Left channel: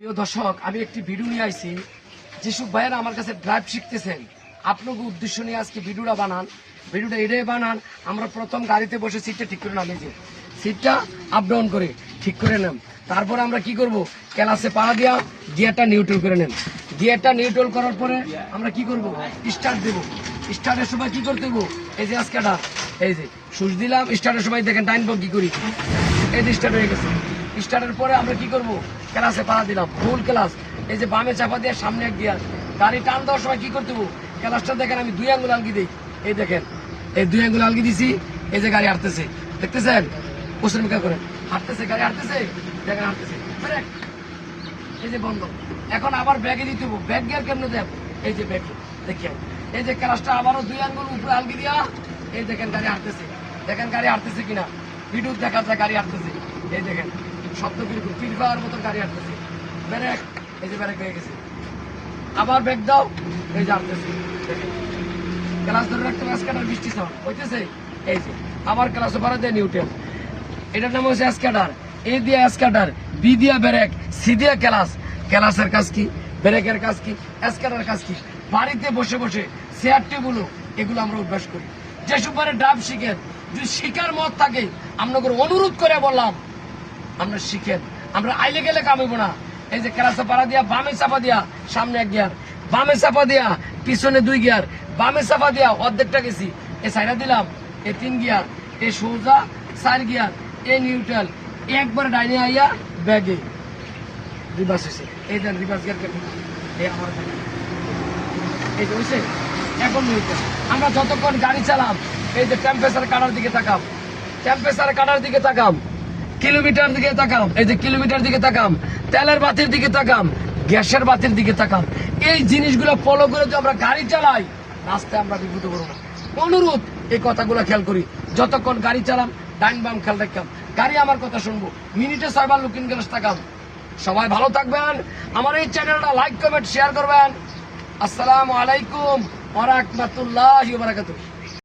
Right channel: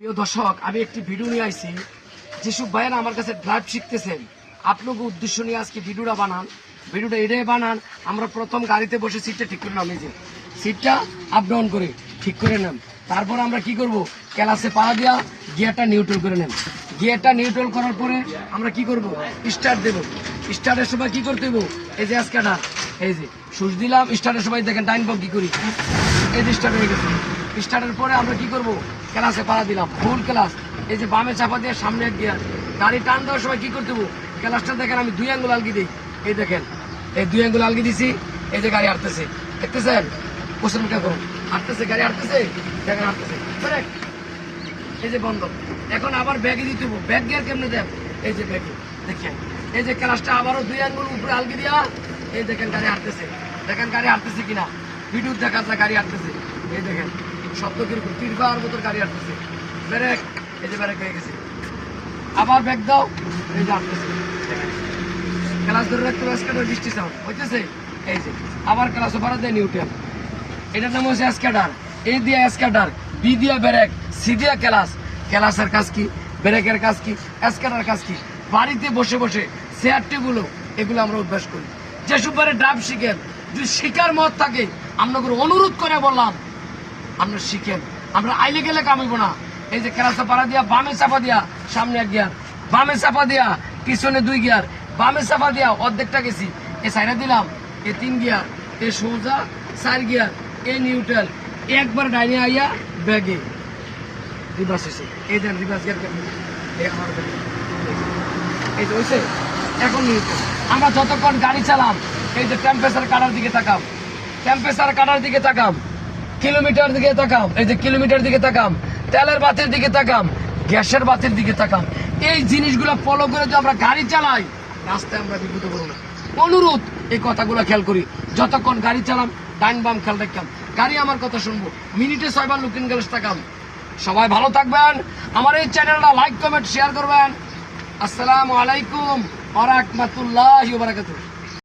প্রিয় দর্শক, আমি একটি ভিডিও নিয়ে আইছি। যেসব ভাইয়েরা আমার কাছে ড্রাইভ শিখতেছেন, আপনাকে উদ্দেশ্য নিয়ে আজকে ভিডিওটা বানান। ভিডিওটা এটাই বানান, আমরা প্রথম গাড়িতে বসে সিটটা ঠিক করে নাম, এই যে সিটটা আপ ডাউন করে ঠিক করে নেন। তারপর আমরা কি করব, ক্লাসে পাড়া দিয়া গিয়ারটা নিউট্রাল করে নেন। গিয়ারটা নিউট্রাল করার পরে আমরা কি করব, স্টার্ট দেব। স্টার্টের সময় কি করতে দেবো, এই যে আজকাটা এই যে সুইচ দিলাম। স্টার্টের সময় দেখেন ডাইন পাক কি করি, এই যে স্টার্ট হয়ে গেছে। স্টার্টের পরে আমরা কি করব, ক্লাসে পাড়া দিলাম ফুল ক্লাস। এই যে বামে চাপা দিয়ে সামনে এক গিয়ার। গাড়ি টান দেওয়ার সময় কি করতে হবো, ক্লাসটা দেখেন আমি 2 আঙ্গুল আলগি দিই। এই দেখেন এই 2 আঙ্গুল আলগি দিছি। এই যে গাড়ি হাঁটতেছে, দেখতেছেন কোশ্চেন মিটার করে হাঁটতেছে, গাড়ি হাঁটতেছে, দেখেন হাঁটতেছে। এই যে বন্ধ। এখন আবার ব্যাগে দিতে হবো। ব্যাগ গিয়ার কেমনে দেন, এই যে ব্যাগে দেখেন। এই যে ক্লাসটা আবারও 2 আঙ্গুল উপরে আলগি দিয়া, এই দেখেন গাড়ি হাঁটতেছে। দেখেন গাড়ি হাঁটতেছে কিনা, ভিডিও দেখা যায় গাড়ি হাঁটতেছে। এই দেখেন শব্দ কিরকম, তীর পাওয়ার মতো গাড়ি হাঁটতেছে। ব্রেক, এই যে ব্রেক হয়ে গেছে। আবার ব্যাগ দাও, এই যে হাঁটতেছে। দেখেন ক্লাস ধরে রাখতে স্ক্যাটার বৃষ্টি সাউন্ড হইতেছে। এই যে আবার ক্লাস ওভার দিয়ে নিউট্রাল। এটার নাম হচ্ছে স্ক্যাটার। এ দিয়ে স্ক্যাটার, বি দিয়ে ব্রেক, সি দিয়ে ক্লাস। ক্লাসের কাজ কি, ব্রেকের কাজ কি, স্ক্যাটার কাজ কি। বাড়িতে বসে বসে চেয়ার টেবিল এগুলো আমরা অভ্যাস করি। যে সুপারে ড্রাইভ শিখেন, যদি শিকার মত থাকে আপনাকে অনুরোধ করে বললাম আমরা শিখেন। আমরা আইলে গেলে কামাইব না। এই যে ক্লাসে পাড়া দিয়া বামে চাপা দিয়া সামনে 1 গিয়ার, বামে চাপা দিয়া পিছনে 2 গিয়ার, বামে চাপা দিয়া অর্ধেকটা গেছি। এ সাইডা দিলাম, এ 3 গিয়ার, এ সোজা 4 গিয়ার, এ নিউট্রাল, একবার ডাইনে আইয়া ব্যাগে রিভার্স হয়েছে। এই দেন রিভার্স গিয়ার আমার এই যে হয়েছে। এখন নিউট্রাল। আমরা যতক্ষণ গাড়ি চালাম, এই যে টেম্পারেচার কাটার দিকে তাকাম, টেম্পারেচার কাটার দিকে তাকাম, কিলোমিটার দিকে তাকাম, এই যে কিলোমিটার দিকে তাকাম, তেলের বাতির দিকে তাকাম, গ্যাসের বাতির দিকে তাকাম। এই জিনিসগুলো ফলো করে যদি আমরা গাড়ি চালাই, রাস্তায় আমরা বিপদে পড়ব না। অনুরোধ, এই কথাগুলো খেয়াল করি। যতক্ষণ গাড়ি চালাম ডাইন বাম খেয়াল রাখতাম। গাড়ি আমার কথা শুনবো, মিনিটে 6 বার লুকিং গ্লাস তাকাম। সবাই ভালো থাকবেন। আমার এই চ্যানেলটা লাইক কমেন্ট শেয়ার করবেন। আসসালামু আলাইকুম ওয়া রাহমাতুল্লাহি ওয়া বারাকাতুহু।